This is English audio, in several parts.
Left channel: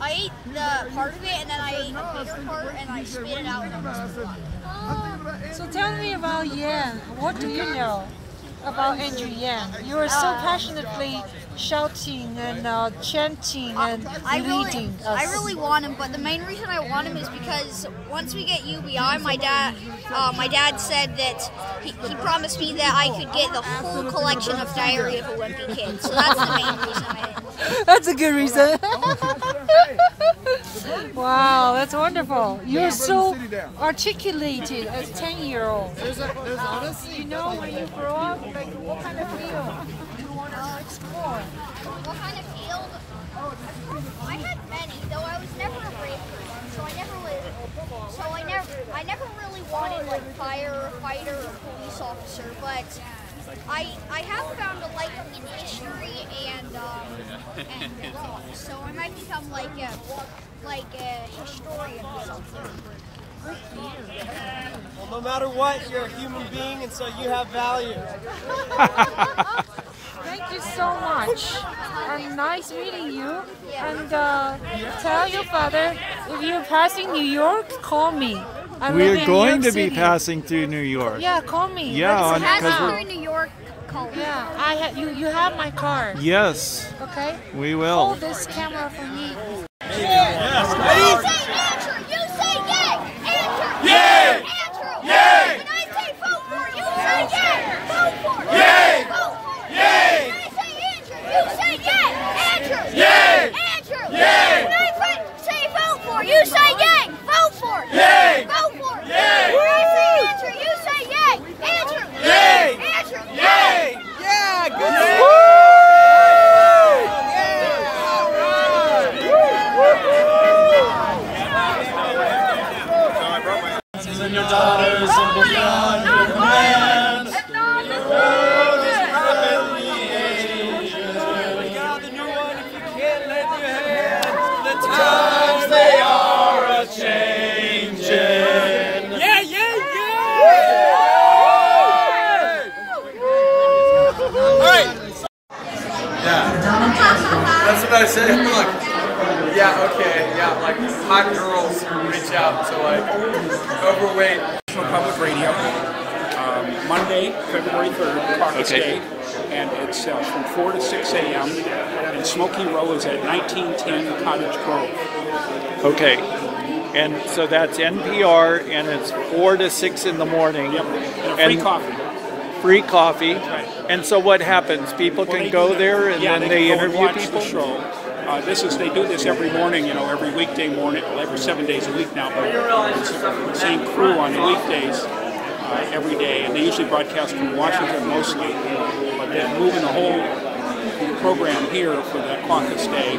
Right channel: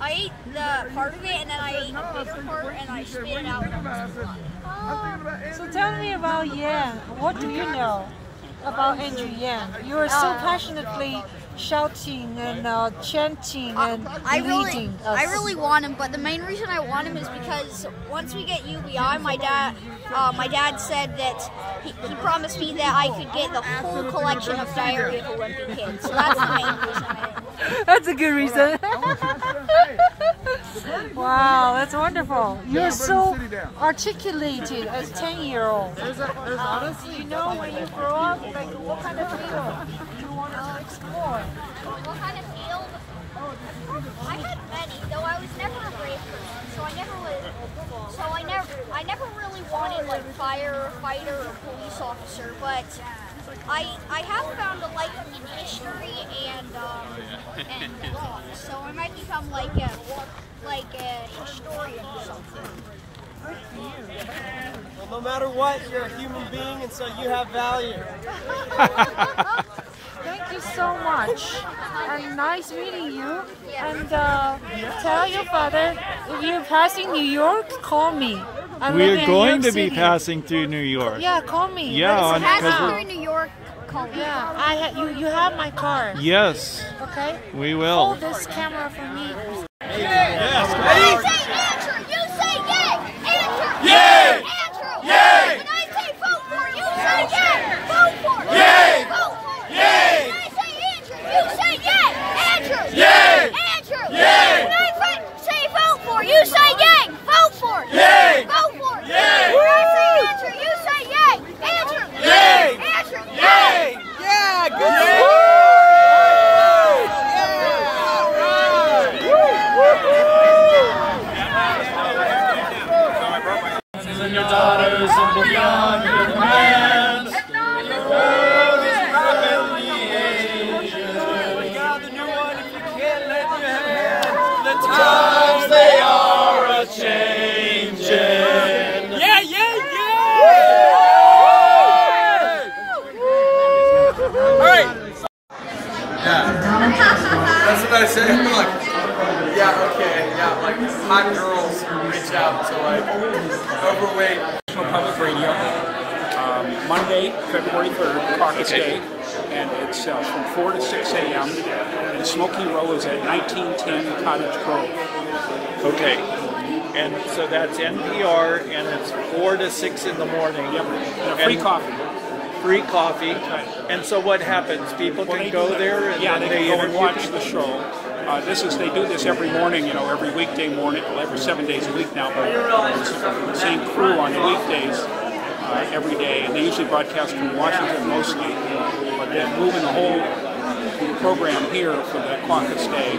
I ate the part of it, and then I ate a bigger part, and I spit it out and almost threw up. Oh, so tell me about Yang. What do you know about Andrew Yang? You are so passionately shouting and chanting and leading us. I really want him, but the main reason I want him is because once we get UBI, my dad said that he promised me that I could get the whole collection of Diary of a Wimpy Kid. So that's the main reason That's a good reason. Wow, that's wonderful. You're so articulated as 10-year-old. You know, when you grow up, like what kind of field you want to explore? What kind of field? I had many, though I was never a brave person. So I never really wanted like firefighter or police officer, but I have found a liking in history and rock, so I might become like a historian or something. Well, no matter what, you're a human being, and so you have value. Thank you so much, and nice meeting you. And tell your father, if you're passing New York, call me. We are going to be passing through New York. Yeah, call me. Yeah, because we're in New York. Yeah, you have my card. Yes. Okay. We will. Hold this camera for me. Yes. You say yay. Andrew. Yay. Andrew. Yay. When I say vote for, you say yay. Vote for. Yay. Vote for. Yay. When I say Andrew, you say yay. Andrew. Yay. Andrew. Yay. When I say vote for, you say yay. Vote for. Yay. Vote for. Yay. When I say Andrew, you say yay. Andrew. Yay. Andrew. Yay. Yeah. Good. And your daughters and beyond your commands. Your world is rapidly aging. We got the new one. If you can't lend your hand, The times they are a-changing. yeah, yeah, yeah. All right. Yeah. That's what I say. I'm like, yeah, okay, yeah, like hot girls reach out to like overweight. National Public Radio, Monday, February 3rd, Caucus Day, and it's from 4 to 6 a.m. And Smoky Row is at 1910 Cottage Grove. Okay. And so that's NPR, and it's 4 to 6 in the morning. Yep, and free coffee. Free coffee. That's right. And so what happens? People can go there and then they go and interview watch people? the show. They do this every morning, every weekday morning, every 7 days a week now, but it's the same crew on the weekdays every day, and they usually broadcast from Washington mostly, but they're moving the whole program here for the Caucus Day.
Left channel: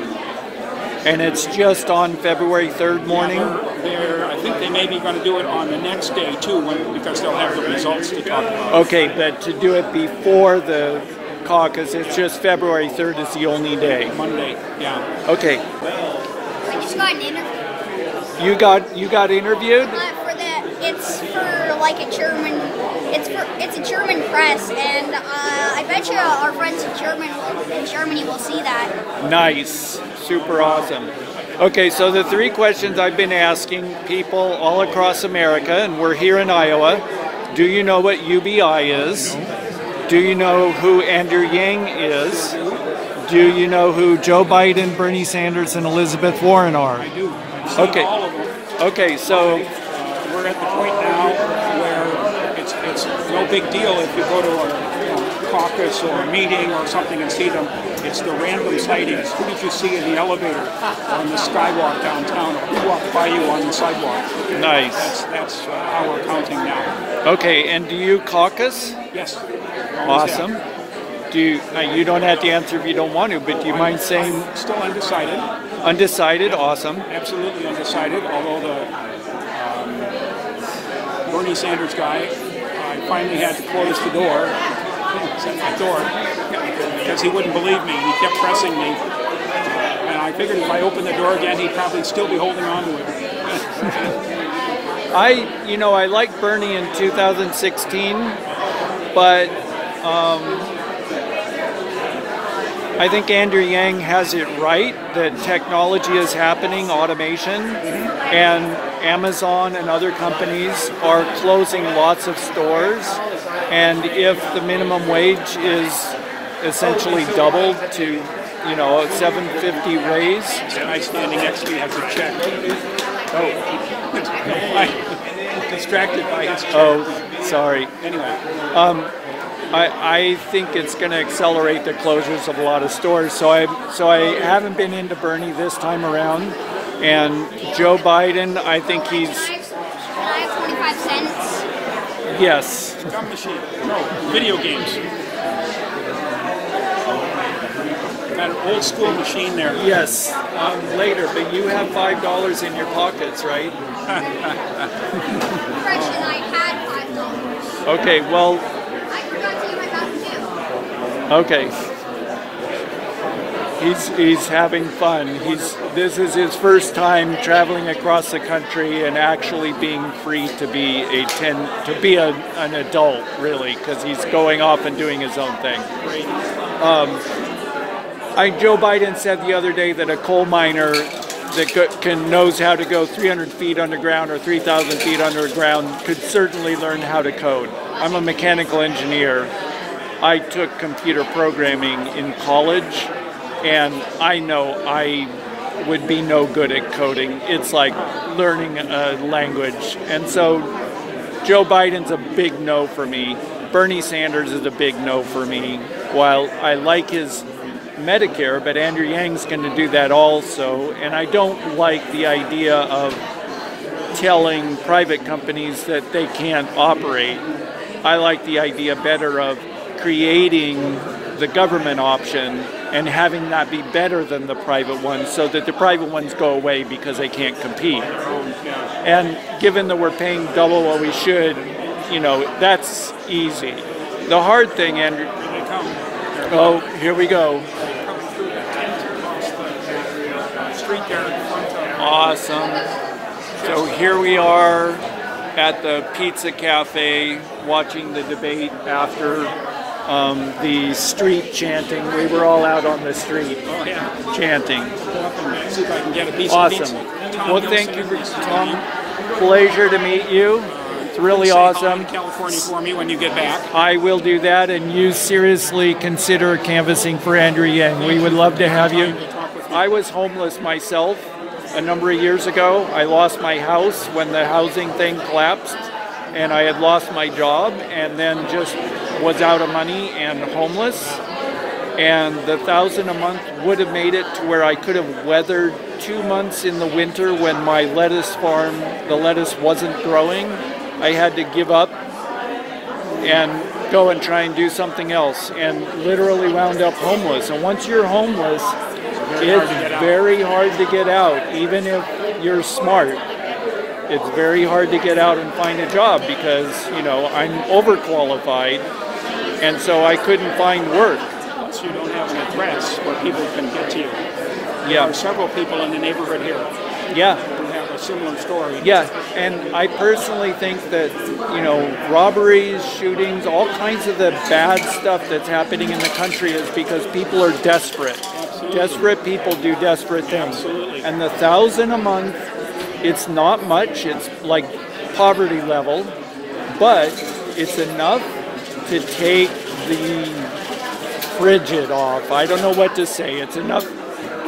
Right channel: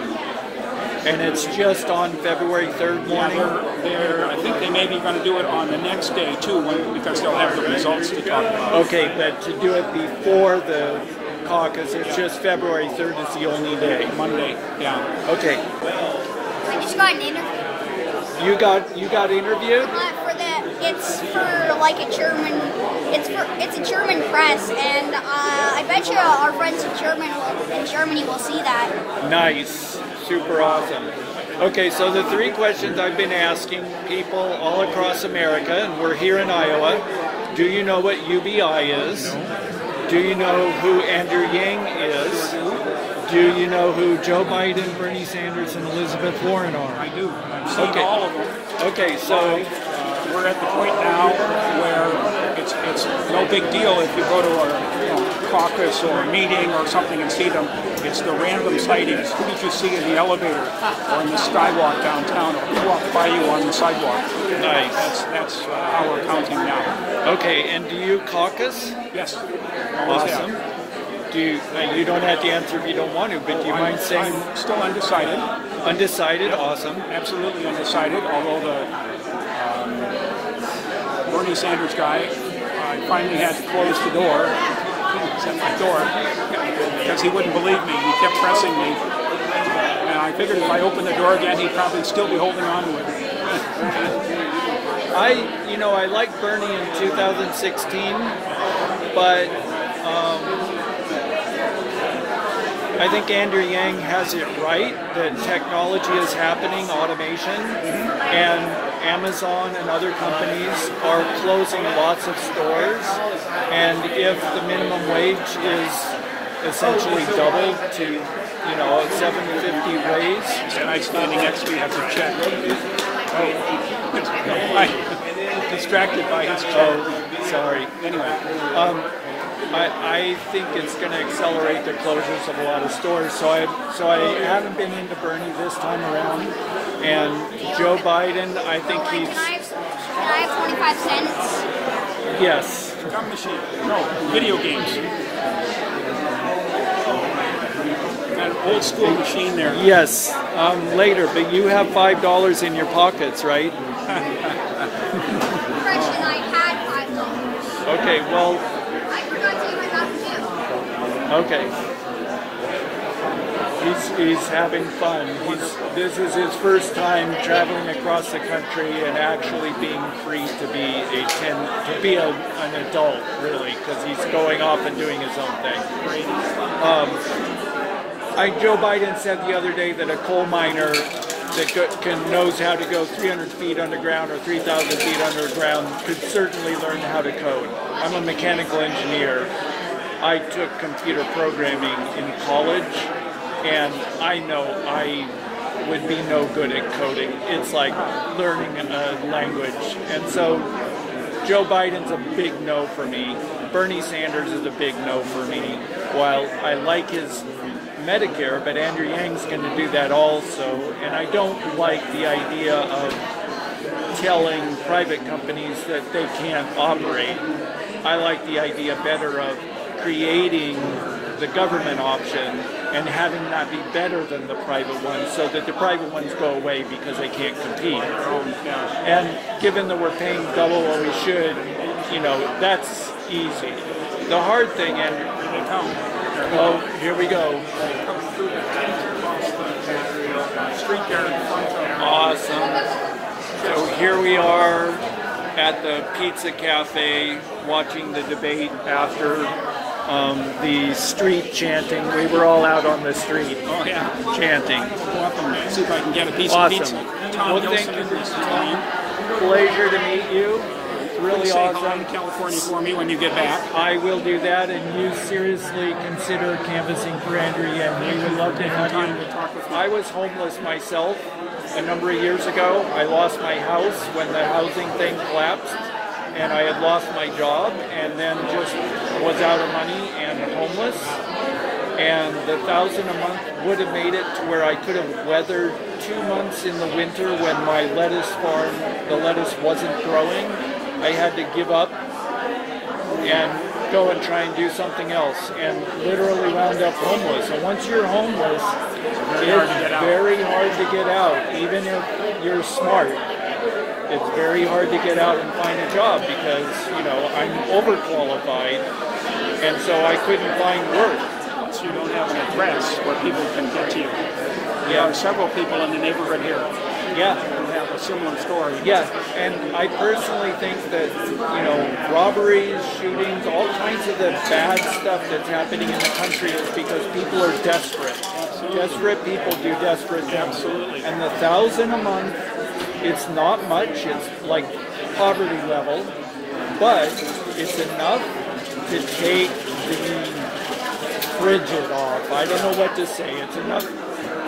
And it's just on February 3rd morning? Yeah, I think they may be going to do it on the next day too, because they'll have the results to talk about. Okay, but to do it before the caucus, it's just February 3rd is the only day. Monday, yeah. Okay. I just got an interview. You got interviewed? It's for like a German. It's a German press, and I bet you our friends in Germany will see that. Nice. Super awesome. Okay, so the 3 questions I've been asking people all across America, and we're here in Iowa. Do you know what UBI is? No. Do you know who Andrew Yang is? Do you know who Joe Biden, Bernie Sanders, and Elizabeth Warren are? I do. I've seen all of them. Okay, so we're at the point now where it's no big deal if you go to a caucus or a meeting or something and see them. It's the random sightings. Who did you see in the elevator or in the skywalk downtown, or who walked by you on the sidewalk? Nice. That's how we're counting now. Okay, and do you caucus? Yes. Always Awesome. have. Do you don't have to answer if you don't want to, but do you mind saying? I'm still undecided. Undecided, Yep. Awesome. Absolutely undecided, although the Bernie Sanders guy, I finally had to close the door, at my door, because he wouldn't believe me. He kept pressing me. And I figured if I opened the door again, he'd probably still be holding on to it. I liked Bernie in 2016, but I think Andrew Yang has it right that technology is happening, automation, and Amazon and other companies are closing lots of stores. And if the minimum wage is essentially doubled to, you know, $7.50 raise. The guy standing next to you has a check. Distracted by his check. Oh, sorry. Anyway. I think it's going to accelerate the closures of a lot of stores. So I haven't been into Bernie this time around. And Joe Biden, I think he's... Can I have 25 cents? Yes. Gum machine. No, video games. Got an old school machine there. Yes, later, but you have $5 in your pockets, right? I had $5. Okay, well... I forgot to use my Mountain Dew. Okay. He's having fun. This is his first time traveling across the country and actually being free to be an adult, really, because he's going off and doing his own thing. Joe Biden said the other day that a coal miner that knows how to go 300 feet underground or 3,000 feet underground could certainly learn how to code. I'm a mechanical engineer. I took computer programming in college, and I know I would be no good at coding. It's like learning a language. And so Joe Biden's a big no for me. Bernie Sanders is a big no for me. While I like his Medicare, but Andrew Yang's going to do that also. And I don't like the idea of telling private companies that they can't operate. I like the idea better of creating the government option and having that be better than the private ones, so that the private ones go away because they can't compete. And given that we're paying double what we should, you know, that's easy. The hard thing, Andrew... Oh, here we go. Awesome. So here we are at the Pizza Cafe watching the debate after the street chanting. We were all out on the street chanting. See if I can get a piece awesome. of pizza. Well, thank you, Tom. Pleasure to meet you. It's really awesome. Say hi to California for me when you get back. I will do that, and you seriously consider canvassing for Andrew Yang. We would love to have you. I was homeless myself a number of years ago. I lost my house when the housing thing collapsed, and I had lost my job, and then just was out of money and homeless. And the $1,000 a month would have made it to where I could have weathered 2 months in the winter when my lettuce farm, the lettuce wasn't growing. I had to give up and go and try and do something else, and literally wound up homeless. And once you're homeless, it's very hard to get out, even if you're smart. It's very hard to get out and find a job because, you know, I'm overqualified, and so I couldn't find work. Plus you don't have an address where people can get to you. There are several people in the neighborhood here who have a similar story. Yeah, and I personally think that, you know, robberies, shootings, all kinds of the bad stuff that's happening in the country is because people are desperate. Desperate people do desperate things. Absolutely. And the $1,000 a month, it's not much. It's like poverty level, but it's enough to take the frigid off. I don't know what to say. It's enough.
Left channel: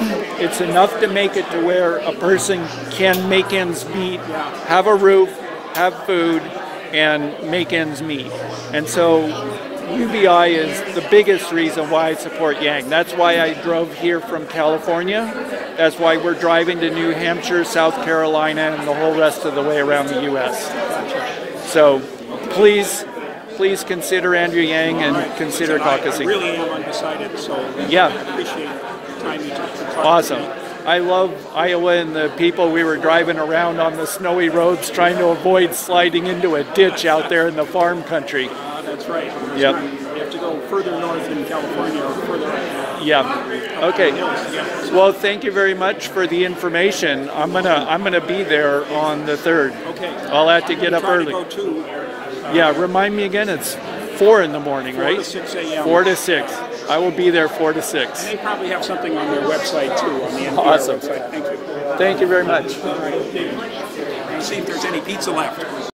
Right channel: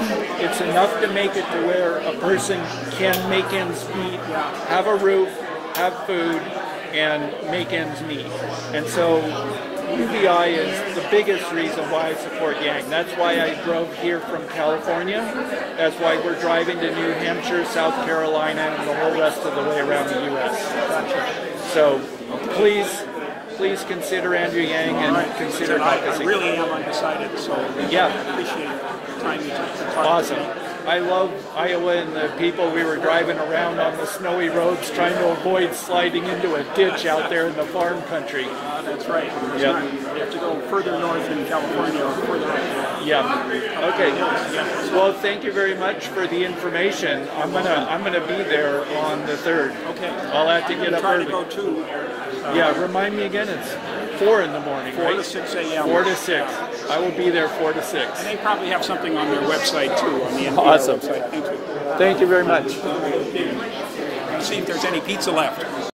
It's enough to make it to where a person can make ends meet, have a roof, have food, and make ends meet. And so UBI is the biggest reason why I support Yang. That's why I drove here from California. That's why we're driving to New Hampshire, South Carolina, and the whole rest of the way around the U.S. So please consider Andrew Yang and consider caucusing. I really am undecided, so yeah. I appreciate the time you took to talk awesome. to me. I love Iowa and the people. We were driving around on the snowy roads trying to avoid sliding into a ditch out there in the farm country. That's right. You have to go further north in California or further up. Yeah. Okay. Well, thank you very much for the information. I'm gonna be there on the 3rd. Okay. I'll have to get up early. To go too. Yeah. Remind me again. It's 4 in the morning, 4 right? to 6 a.m. 4 to 6. I will be there 4 to 6. And they probably have something on their website too. On the Awesome. website. Thank you. Thank you very much. All right. See if there's any pizza left.